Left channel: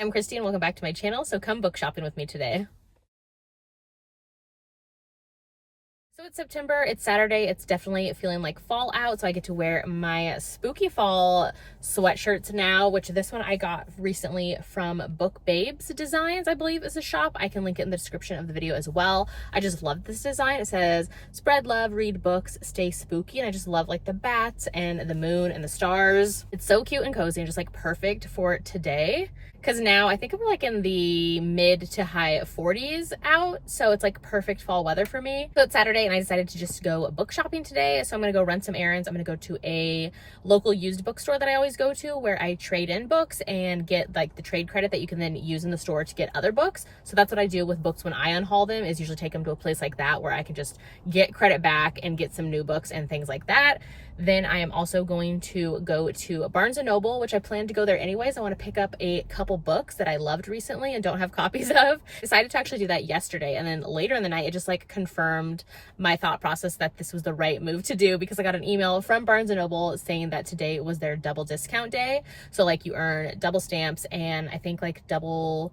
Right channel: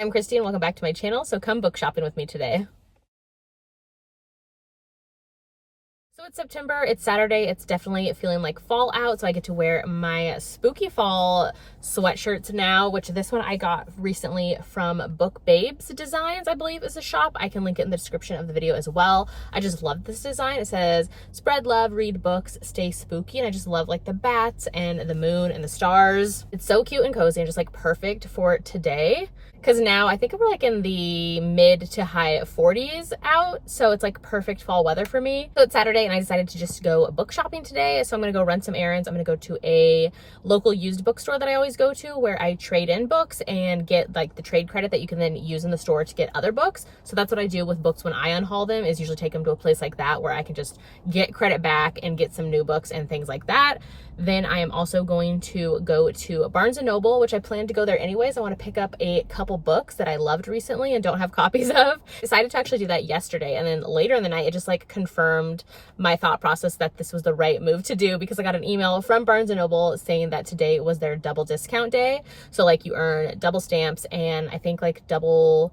I'm Christy and welcome back to my channel, so come book shopping with me today. So it's September, it's Saturday, it's definitely feeling like fall out, so I get to wear my spooky fall sweatshirts now, which this one I got recently from BookBabeDesigns, I believe is the shop. I can link it in the description of the video as well. I just love this design. It says, spread love, read books, stay spooky, and I just love like the bats and the moon and the stars. It's so cute and cozy and just like perfect for today. Because now I think we're like in the mid to high 40s out, so it's like perfect fall weather for me. So it's Saturday and I decided to just go book shopping today. So I'm gonna go run some errands. I'm gonna go to a local used bookstore that I always go to where I trade in books and get like the trade credit that you can then use in the store to get other books. So that's what I do with books when I unhaul them, is usually take them to a place like that where I can just get credit back and get some new books and things like that. Then I am also going to go to Barnes & Noble, which I plan to go there anyways. I want to pick up a couple books that I loved recently and don't have copies of. Decided to actually do that yesterday, and then later in the night it just like confirmed my thought process that this was the right move to do, because I got an email from Barnes & Noble saying that today was their double discount day. So like you earn double stamps and I think like double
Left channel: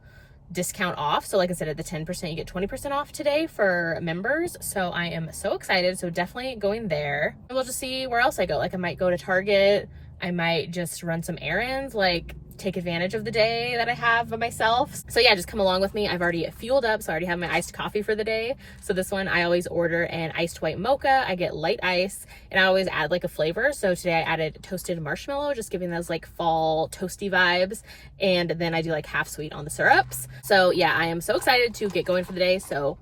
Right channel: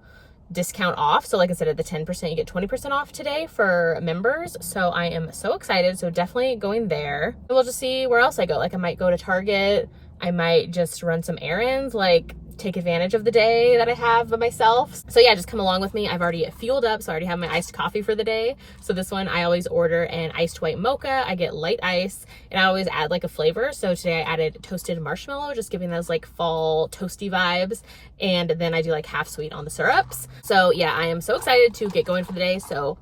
discount off. So like instead of the 10%, you get 20% off today for members. So I am so excited. So definitely going there. We'll just see where else I go. Like I might go to Target. I might just run some errands, like take advantage of the day that I have by myself. So yeah, just come along with me. I've already fueled up, so I already have my iced coffee for the day. So this one, I always order an iced white mocha. I get light ice and I always add like a flavor. So today I added toasted marshmallow, just giving those like fall toasty vibes. And then I do like half sweet on the syrups. So yeah, I am so excited to get going for the day. So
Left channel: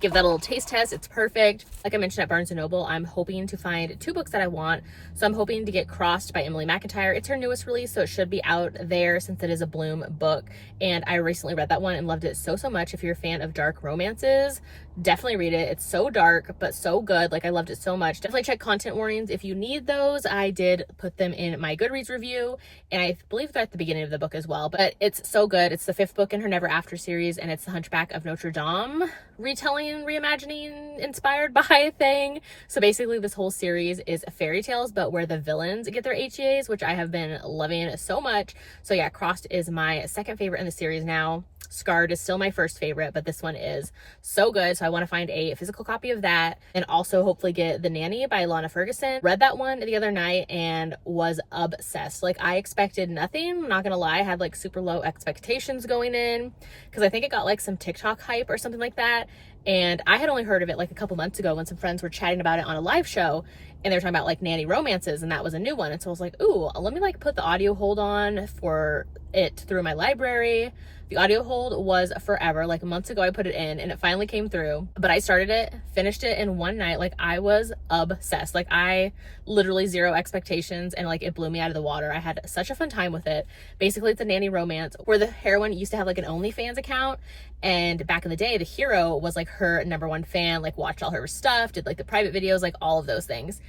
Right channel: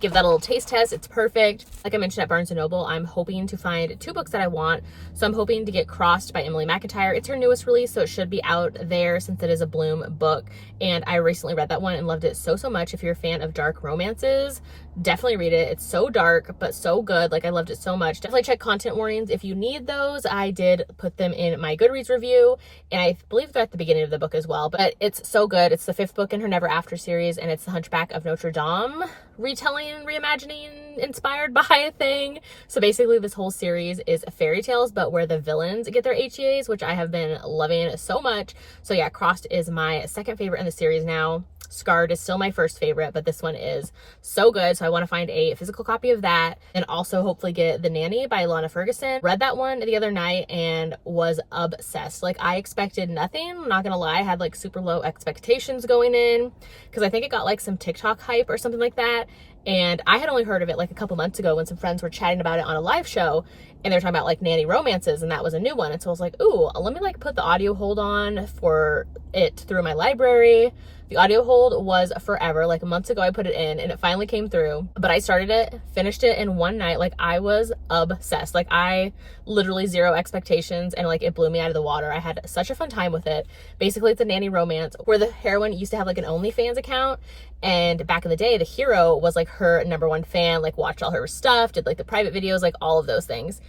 give that a little taste test. It's perfect. Like I mentioned at Barnes & Noble, I'm hoping to find 2 books that I want. So I'm hoping to get Crossed by Emily McIntyre. It's her newest release, so it should be out there since it is a Bloom book. And I recently read that one and loved it so much. If you're a fan of dark romances, definitely read it. It's so dark, but so good. Like I loved it so much. Definitely check content warnings if you need those. I did put them in my Goodreads review, and I believe they're at the beginning of the book as well. But it's so good. It's the 5th book in her Never After series, and it's the Hunchback of Notre Dame retelling, reimagining, inspired by thing. So basically this whole series is fairy tales, but where the villains get their HEAs, which I have been loving so much. So yeah, Crossed is my second favorite in the series now. Scarred is still my first favorite, but this one is so good. So I want to find a physical copy of that, and also hopefully get The Nanny by Lana Ferguson. Read that one the other night and was obsessed. Like I expected nothing. I'm not gonna lie, I had like super low expectations going in because I think it got like some TikTok hype or something like that. And I had only heard of it like a couple months ago when some friends were chatting about it on a live show, and they're talking about like nanny romances, and that was a new one. And so I was like, ooh, let me like put the audio hold on for it through my library. The audio hold was forever. Like months ago I put it in and it finally came through, but I started it, finished it in one night. Like I was obsessed. Like I literally zero expectations, and like it blew me out of the water. I had such a fun time with it. Basically it's a nanny romance where the heroine used to have like an OnlyFans account, and back in the day the hero was like her #1 fan, like watched all her stuff, did like the private videos, like all of those things.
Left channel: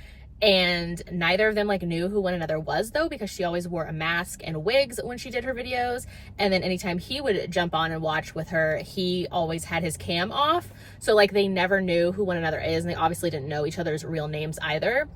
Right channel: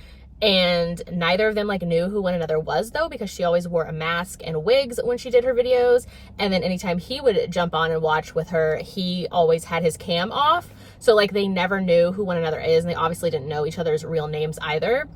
And neither of them like knew who one another was though, because she always wore a mask and wigs when she did her videos. And then anytime he would jump on and watch with her, he always had his cam off. So like they never knew who one another is, and they obviously didn't know each other's real names either.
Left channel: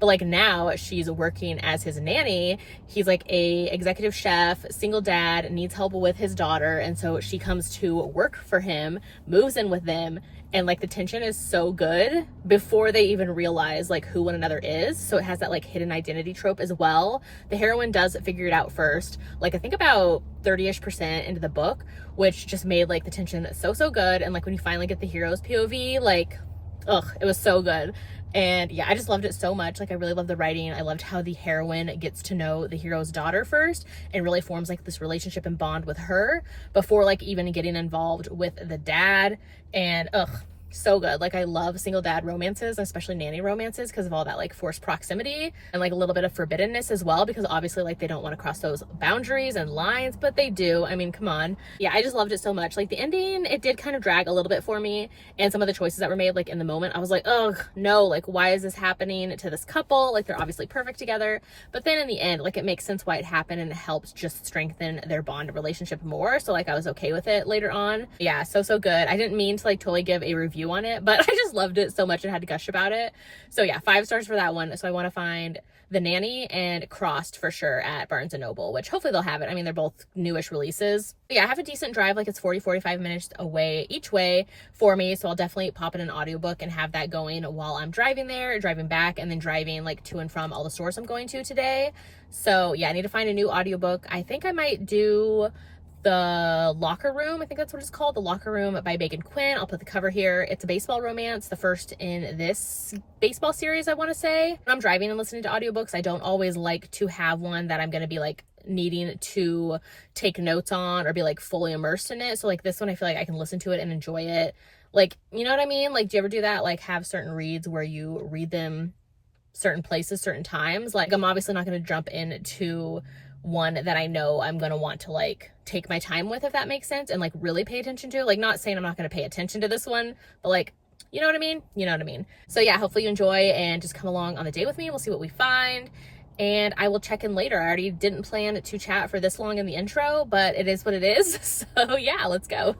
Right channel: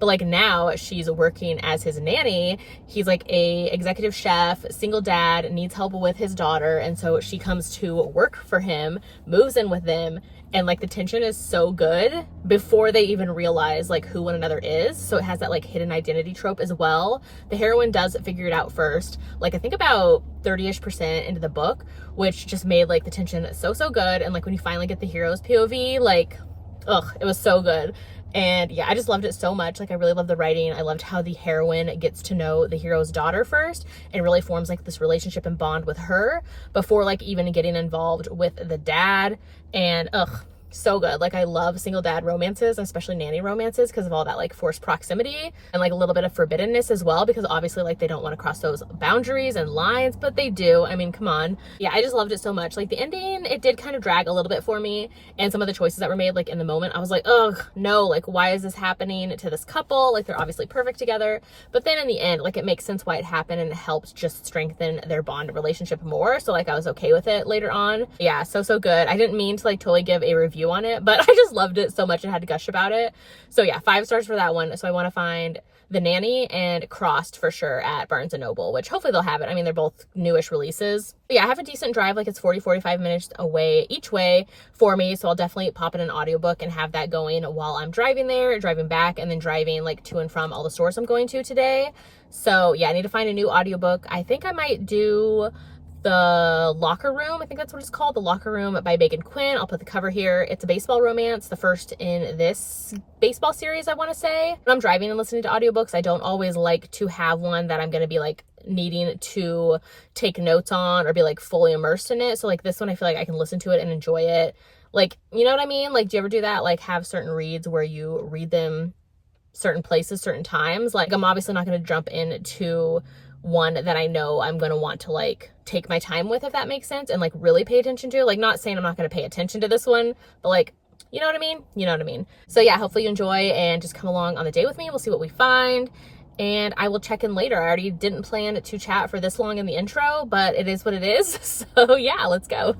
But like now she's working as his nanny. He's like a executive chef, single dad, needs help with his daughter. And so she comes to work for him, moves in with them. And like the tension is so good before they even realize like who one another is. So it has that like hidden identity trope as well. The heroine does figure it out first, like I think about 30-ish% into the book, which just made like the tension so good. And like when you finally get the hero's POV, like, ugh, it was so good. And yeah, I just loved it so much. Like I really loved the writing. I loved how the heroine gets to know the hero's daughter first and really forms like this relationship and bond with her before like even getting involved with the dad. And ugh, so good. Like I love single dad romances, especially nanny romances, because of all that like forced proximity and like a little bit of forbiddenness as well, because obviously like they don't want to cross those boundaries and lines, but they do. I mean, come on. Yeah, I just loved it so much. Like the ending, it did kind of drag a little bit for me, and some of the choices that were made like in the moment, I was like, ugh, no, like why is this happening to this couple? Like they're obviously perfect together. But then in the end, like it makes sense why it happened, and it helps just strengthen their bond and relationship more. So like I was okay with it later on. Yeah, so good. I didn't mean to like totally give a review on it, but I just loved it so much and had to gush about it. So yeah, 5 stars for that one. So I want to find The Nanny and Crossed for sure at Barnes & Noble, which hopefully they'll have it. I mean, they're both newish releases. But yeah, I have a decent drive, like it's 40-45 minutes away each way for me, so I'll definitely pop in an audiobook and have that going while I'm driving there, driving back, and then driving like to and from all the stores I'm going to today. So yeah, I need to find a new audiobook. I think I might do The Locker Room. I think that's what it's called. The Locker Room by Megan Quinn. I'll put the cover here. It's a baseball romance, the first in this baseball series, I want to say. When I'm driving and listening to audiobooks, I don't always like to have one that I'm going to be like needing to take notes on or be like fully immersed in it. So like this one, I feel like I can listen to it and enjoy it. Like, you know what I mean? Like, do you ever do that? Like have certain reads where you read them certain places, certain times. Like I'm obviously not going to jump into one that I know I'm going to want to like take my time with, if that makes sense, and like really pay attention to. Like not saying I'm not going to pay attention to this one, but like, you know what I mean? You know what I mean? So yeah, hopefully you enjoy and just come along on the day with me. We'll see what we find. And I will check in later. I already didn't plan to chat for this long in the intro, but it is what it is. So yeah, let's go.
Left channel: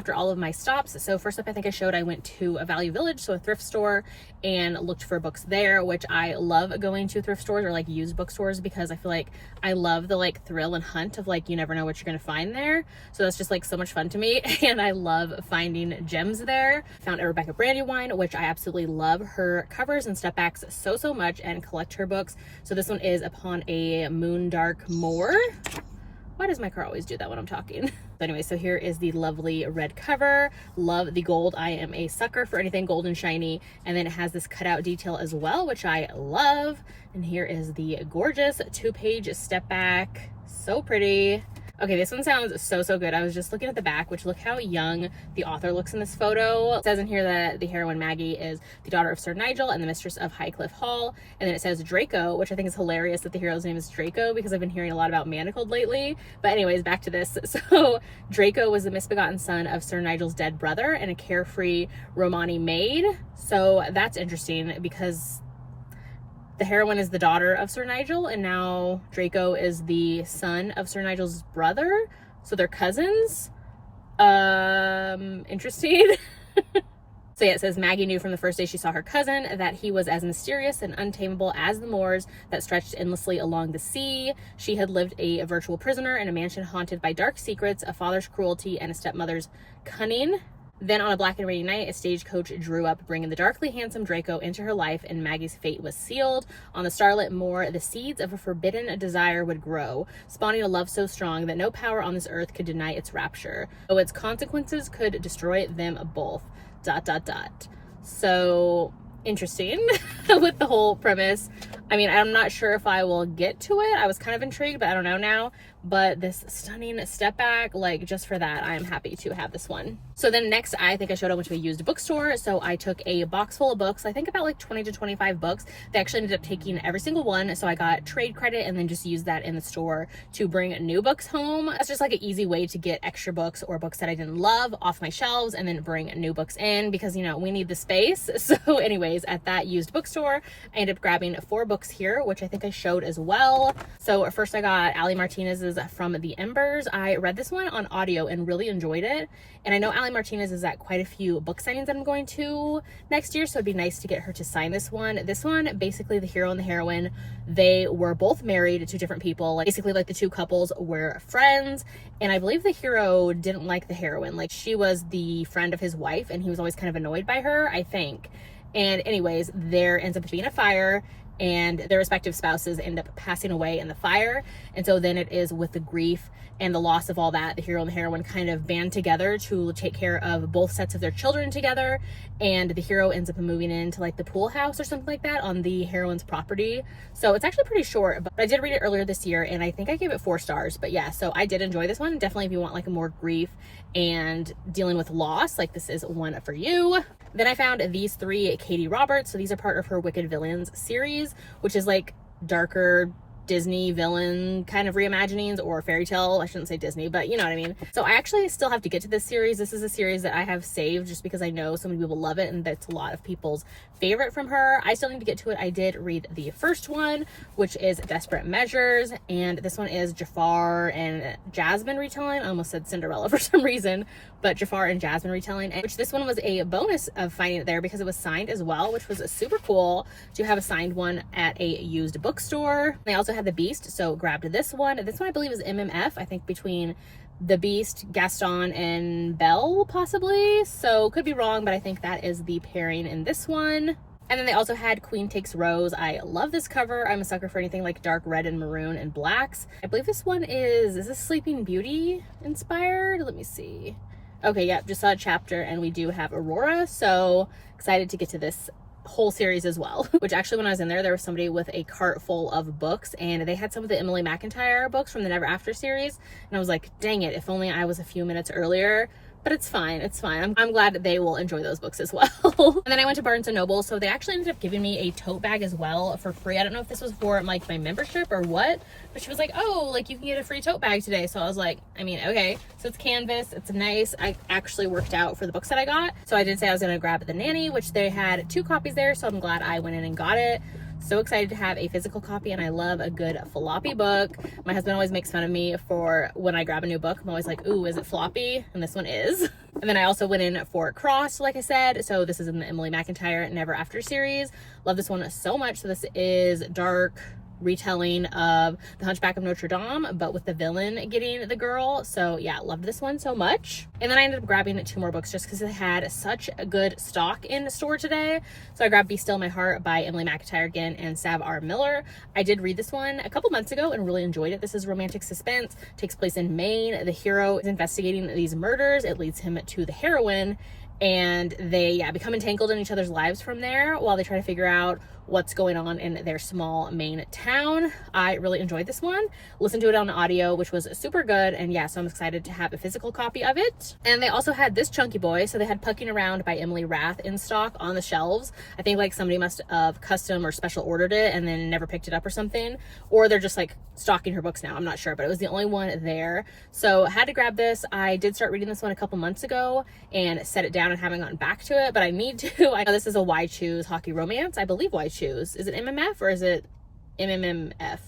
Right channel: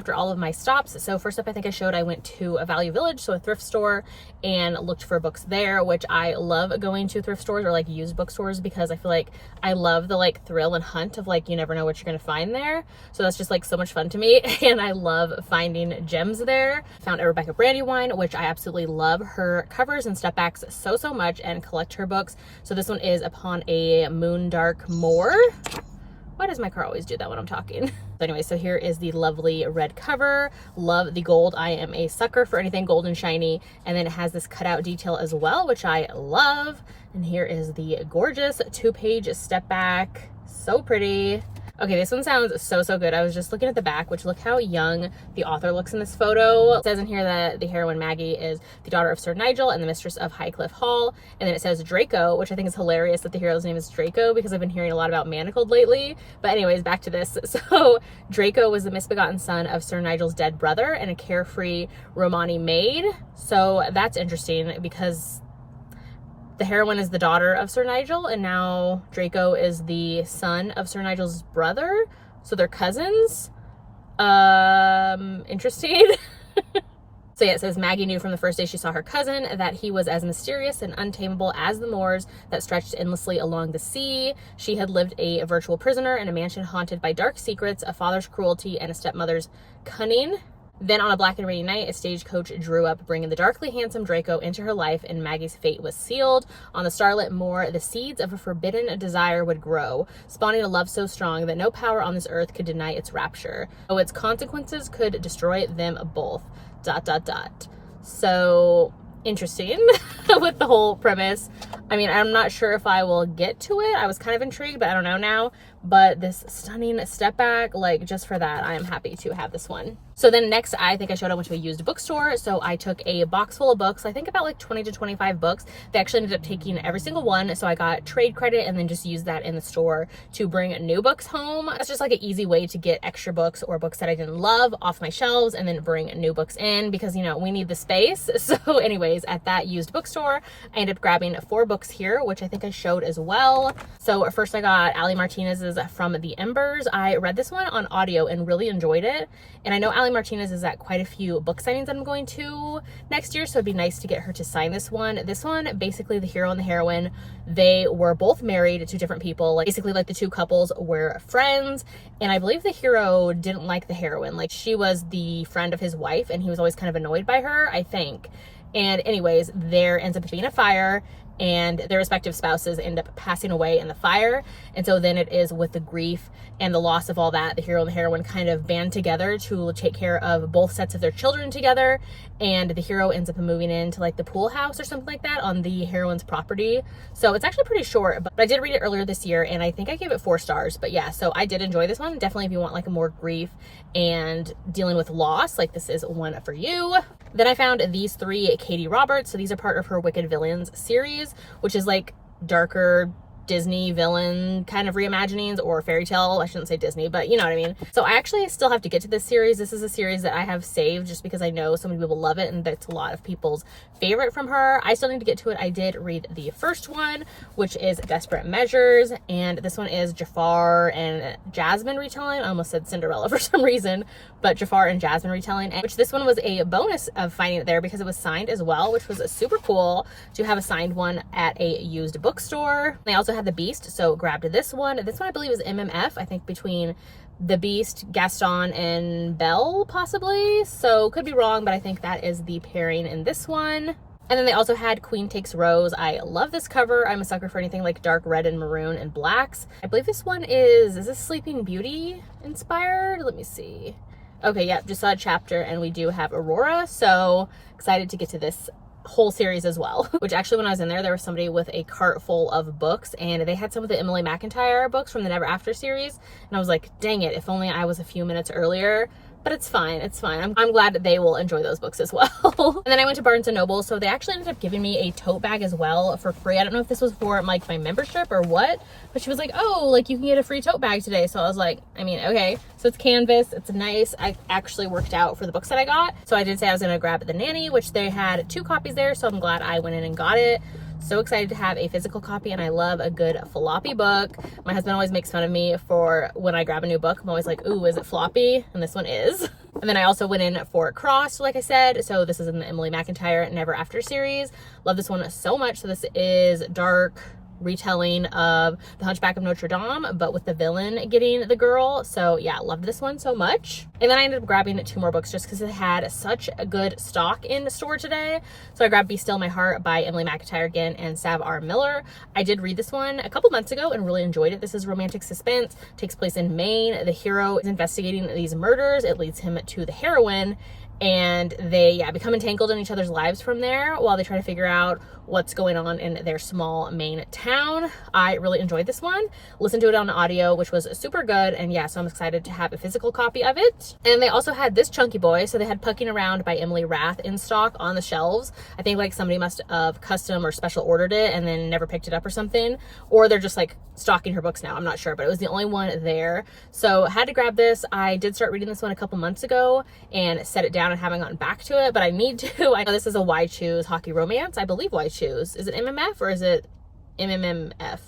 after all of my stops. So first up, I think I showed I went to a Value Village, so a thrift store, and looked for books there, which I love going to thrift stores or like used bookstores because I feel like I love the like thrill and hunt of like you never know what you're gonna find there. So that's just like so much fun to me, and I love finding gems there. Found a Rebecca Brandywine, which I absolutely love her covers and step backs so much, and collect her books. So this one is Upon a Moondark Moor. Why does my car always do that when I'm talking? So anyway, so here is the lovely red cover. Love the gold. I am a sucker for anything gold and shiny. And then it has this cutout detail as well, which I love. And here is the gorgeous 2-page step back. So pretty. Okay, this one sounds so good. I was just looking at the back, which look how young the author looks in this photo. It says in here that the heroine Maggie is the daughter of Sir Nigel and the mistress of Highcliffe Hall. And then it says Draco, which I think is hilarious that the hero's name is Draco because I've been hearing a lot about Manacled lately. But anyways, back to this. So Draco was the misbegotten son of Sir Nigel's dead brother and a carefree Romani maid. So that's interesting because the heroine is the daughter of Sir Nigel, and now Draco is the son of Sir Nigel's brother. So they're cousins. Interesting. So yeah, it says Maggie knew from the first day she saw her cousin that he was as mysterious and untamable as the moors that stretched endlessly along the sea. She had lived a virtual prisoner in a mansion haunted by dark secrets, a father's cruelty, and a stepmother's cunning. Then on a black and rainy night, a stagecoach drew up, bringing the darkly handsome Draco into her life, and Maggie's fate was sealed. On the starlit moor, the seeds of a forbidden desire would grow, spawning a love so strong that no power on this earth could deny its rapture, though its consequences could destroy them both. ... So interesting with the whole premise. I mean, I'm not sure if I will get to it. I was kind of intrigued, but I don't know now. But this stunning step back, like just for that, I am happy to have this one. So then next, I think I showed up went to a used bookstore. So I took a box full of books, I think about like 20 to 25 books. They actually ended up taking every single one. So I got trade credit and then just used that in the store to bring new books home. That's just like an easy way to get extra books or books that I didn't love off my shelves and then bring new books in because, you know, we need the space. So anyways, at that used bookstore, I ended up grabbing 4 books here, which I think I showed as well. So first I got Ali Martinez's From the Embers. I read this one on audio and really enjoyed it. And I know Ali Martinez is at quite a few book signings I'm going to next year, so it'd be nice to get her to sign this one. This one, basically the hero and the heroine, they were both married to different people. Like basically like the two couples were friends, and I believe the hero didn't like the heroine. Like she was the friend of his wife and he was always kind of annoyed by her, I think. And anyways, there ends up being a fire and their respective spouses end up passing away in the fire. And so then it is with the grief and the loss of all that, the hero and the heroine kind of band together to take care of both sets of their children together. And the hero ends up moving into like the pool house or something like that on the heroine's property. So it's actually pretty short, but I did read it earlier this year and I think I gave it 4 stars. But yeah, so I did enjoy this one. Definitely if you want like a more grief and dealing with loss, like this is one for you. Then I found these 3 Katie Roberts. So these are part of her Wicked Villains series, which is like darker Disney villain kind of reimaginings or fairy tale. I shouldn't say Disney, but you know what I mean. So I actually still have to get to this series. This is a series that I have saved just because I know so many people love it and that's a lot of people's favorite from her. I still need to get to it. I did read the first one, which is Desperate Measures, and this one is Jafar and Jasmine retelling. I almost said Cinderella for some reason, but Jafar and Jasmine retelling, and which this one was a bonus of finding it there because it was signed as well, which was super cool to have a signed one at a used bookstore. They also had The Beast, so grabbed this one. This one I believe is MMF, I think between The Beast, Gaston, and Belle possibly. So could be wrong, but I think that is the pairing in this one. And then they also had Queen Takes Rose. I love this cover. I'm a sucker for anything like dark red and maroon and blacks. I believe this one is this Sleeping Beauty inspired? Let me see. Okay, yep, just saw a chapter and we do have Aurora, so excited to get to this whole series as well. Which actually when I was in there was somebody with a cart full of books and they had some of the Emily McIntyre books from the Never After series, and I was like, dang it, if only I was a few minutes earlier. But it's fine, it's fine. I'm glad that they will enjoy those books as well. And then I went to Barnes & Noble, so they actually ended up giving me a tote bag as well for free. I don't know if this was for like my membership or what, but she was like, oh, like you can get a free tote bag today. So I was like, I mean, okay. So it's canvas, it's nice. I actually worked out for the books that I got. So I did say I was gonna grab The Nanny, which they had 2 copies there, so I'm glad I went in and got it. So excited to have a physical copy, and I love a good floppy book. My husband always makes fun of me for when I grab a new book. I'm always like, ooh, is it floppy? And this one is. And then I also went in for Crossed, like I said. So this is in the Emily McIntyre Never After series. Love this one so much. So this is dark retelling of The Hunchback of Notre Dame, but with the villain getting the girl. So yeah, loved this one so much. And then I ended up grabbing 2 more books just because it had such a good stock in the store today. So I grabbed Be Still My Heart by Emily McIntyre again and Sav R. Miller. I did read this one a couple months ago and really enjoyed it. This is romantic suspense, takes place in Maine. The hero is investigating these murders. It leads him to the heroine, and they become entangled in each other's lives from there while they try to figure out what's going on in their small Maine town. I really enjoyed this one. Listened to it on audio, which was super good, and yeah, so I'm excited to have a physical copy of it. And they also had this chunky boy, so they had Pucking Around by Emily Rath in stock on the shelves. I think like somebody must have custom or special ordered it and then never picked it up or something, or they're just like stocking her books now, I'm not sure, but it was the only one there, so had to grab this. I did start reading this one a couple months ago and set it down and haven't gotten back to it, but I need to. I know this is a Why Choose hockey romance. I believe Why Choose. Is it MMF or is it MMMF?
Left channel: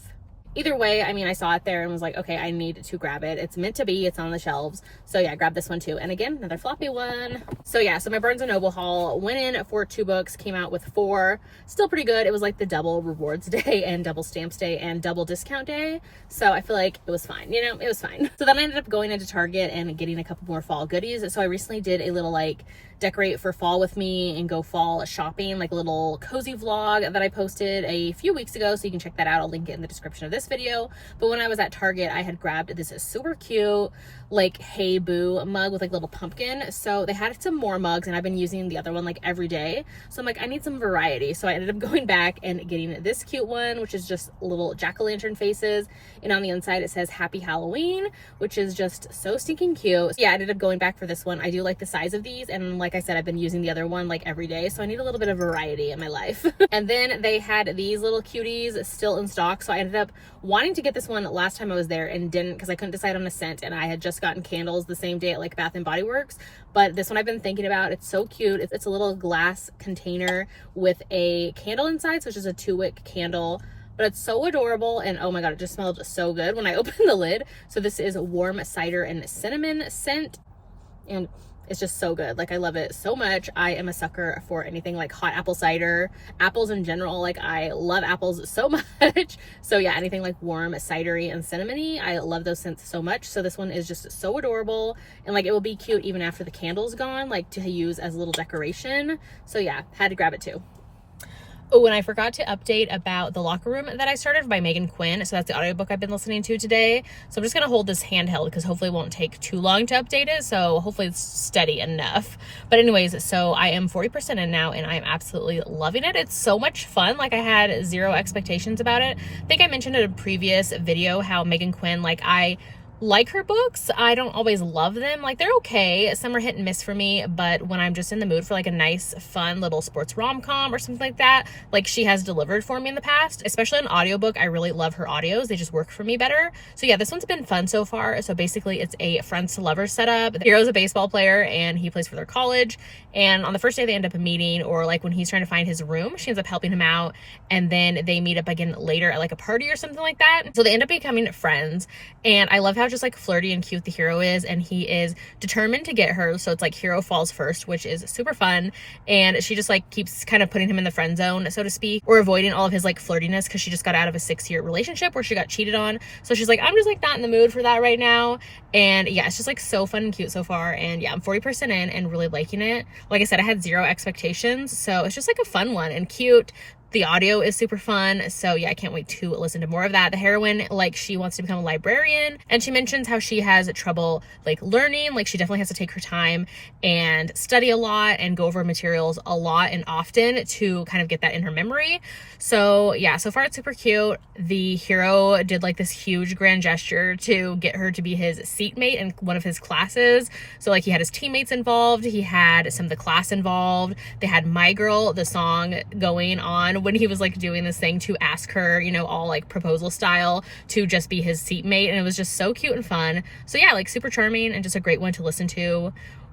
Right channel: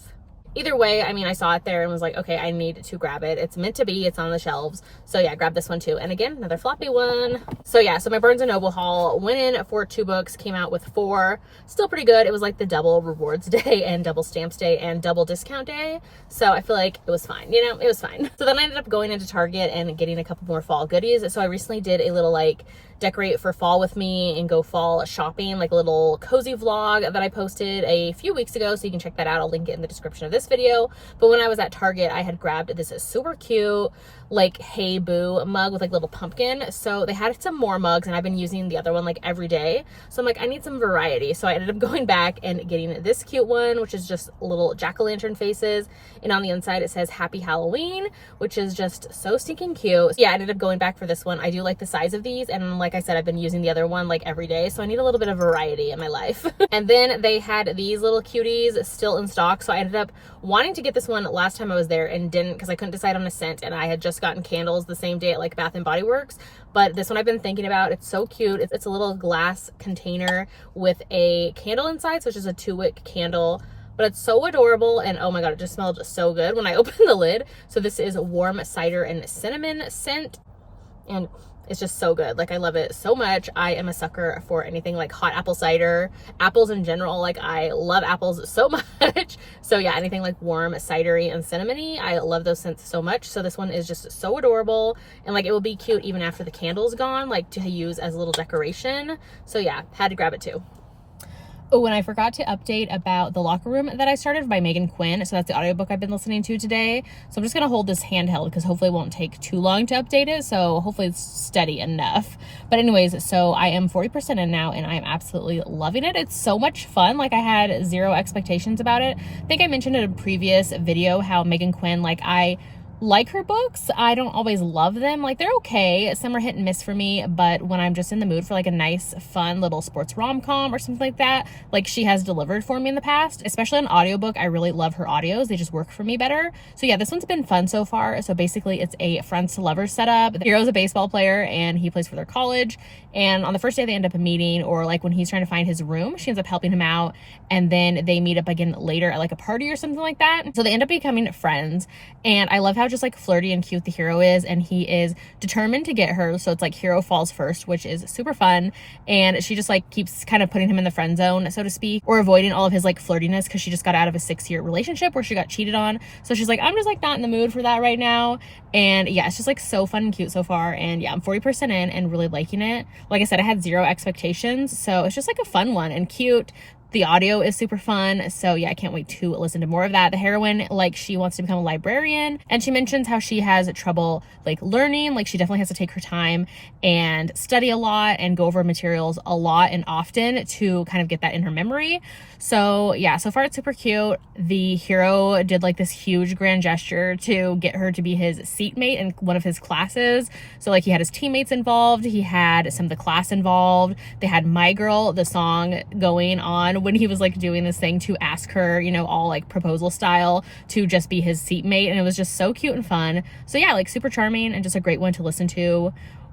Either way, I mean, I saw it there and was like, okay, I need to grab it. It's meant to be, it's on the shelves. So yeah, grab this one too. And again, another floppy one. So yeah, so my Barnes & Noble haul, went in for 2 books, came out with 4. Still pretty good. It was like the double rewards day and double stamps day and double discount day. So I feel like it was fine, you know, it was fine. So then I ended up going into Target and getting a couple more fall goodies. So I recently did a little like decorate for fall with me and go fall shopping, like a little cozy vlog that I posted a few weeks ago, so you can check that out. I'll link it in the description of this video. But when I was at Target, I had grabbed this super cute like Hey Boo mug with like little pumpkin. So they had some more mugs and I've been using the other one like every day, so I'm like, I need some variety. So I ended up going back and getting this cute one, which is just little jack-o'-lantern faces, and on the inside it says Happy Halloween, which is just so stinking cute. So yeah, I ended up going back for this one. I do like the size of these, and like I said, I've been using the other one like every day, so I need a little bit of variety in my life. And then they had these little cuties still in stock, so I ended up wanting to get this one last time I was there and didn't, because I couldn't decide on a scent, and I had just gotten candles the same day at like Bath and Body Works. But this one I've been thinking about. It's so cute. It's a little glass container with a candle inside, so it's just a 2-wick candle, but it's so adorable, and oh my god, it just smelled so good when I opened the lid. So this is a warm cider and cinnamon scent, and it's just so good. Like, I love it so much. I am a sucker for anything like hot apple cider, apples in general. Like, I love apples so much. So yeah, anything like warm cidery and cinnamony, I love those scents so much. So this one is just so adorable, and like it will be cute even after the candle's gone, like to use as a little decoration. So yeah, had to grab it too. Oh, and I forgot to update about The Locker Room that I started by Megan Quinn. So that's the audiobook I've been listening to today. So I'm just going to hold this handheld because hopefully it won't take too long to update it. So hopefully it's steady enough. But anyways, so I am 40% in now and I am absolutely loving it. It's so much fun. Like, I had 0 expectations about it. I think I mentioned in a previous video how Megan Quinn, like, I like her books. I don't always love them. Like, they're okay. Some are hit and miss for me, but when I'm just in the mood for like a nice, fun little sports rom-com or something like that, like, she has delivered for me in the past. Especially on audiobook, I really love her audios. They just work for me better. So yeah, this one's been fun so far. So basically it's a friends to lovers setup. The hero's a baseball player and he plays for their college, and on the first day they end up meeting, or like when he's trying to find his room, she ends up helping him out, and then they meet up again later at like a party or something like that. So they end up becoming friends, and I love how just like flirty and cute the hero is, and he is determined to get her. So it's like hero falls first, which is super fun, and she just like keeps kind of putting him in the friend zone, so to speak, or avoiding all of his like flirtiness, because she just got out of a 6-year relationship where she got cheated on. So she's like, I'm just like not in the mood for that right now. And yeah, it's just like so fun and cute so far. And yeah, I'm 40% in and really liking it. Like I said, I had 0 expectations, so it's just like a fun one and cute. The audio is super fun, so yeah, I can't wait to listen to more of that. The heroine, like, she wants to become a librarian, and she mentions how she has trouble like learning. Like, she definitely has to take her time and study a lot and go over materials a lot and often to kind of get that in her memory. So yeah, so far it's super cute. The hero did like this huge grand gesture to get her to be his seatmate in one of his classes. So like, he had his teammates involved, he had some of the class involved, they had My Girl, the song, going on when he was like doing this thing to ask her, you know, all like proposal style, to just be his seatmate. And it was just so cute and fun. So yeah, like super charming and just a great one to listen to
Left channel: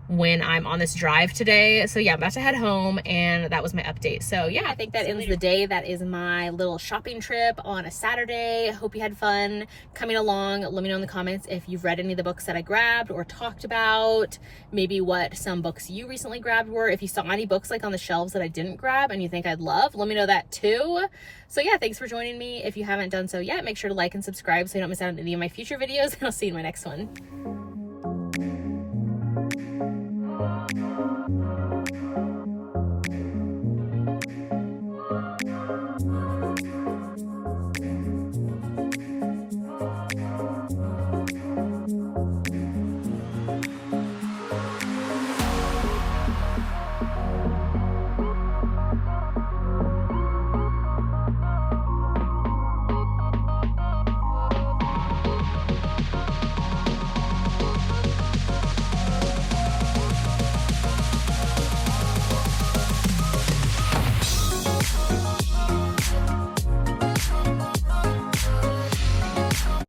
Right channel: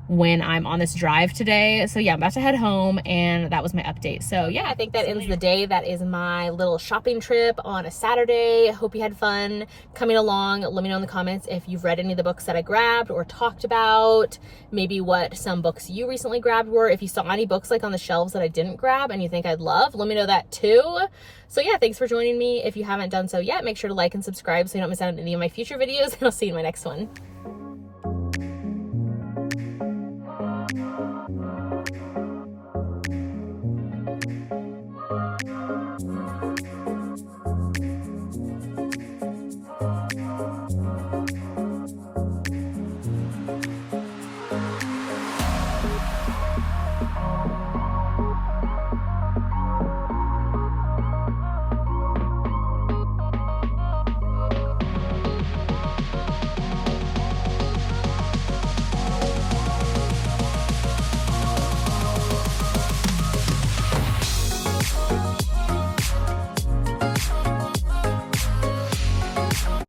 when I'm on this drive today. So yeah, I'm about to head home, and that was my update. So yeah, I think that ends the day. That is my little shopping trip on a Saturday. Hope you had fun coming along. Let me know in the comments if you've read any of the books that I grabbed or talked about, maybe what some books you recently grabbed were. If you saw any books like on the shelves that I didn't grab and you think I'd love, let me know that too. So yeah, thanks for joining me. If you haven't done so yet, make sure to like and subscribe so you don't miss out on any of my future videos, and I'll see you in my next one.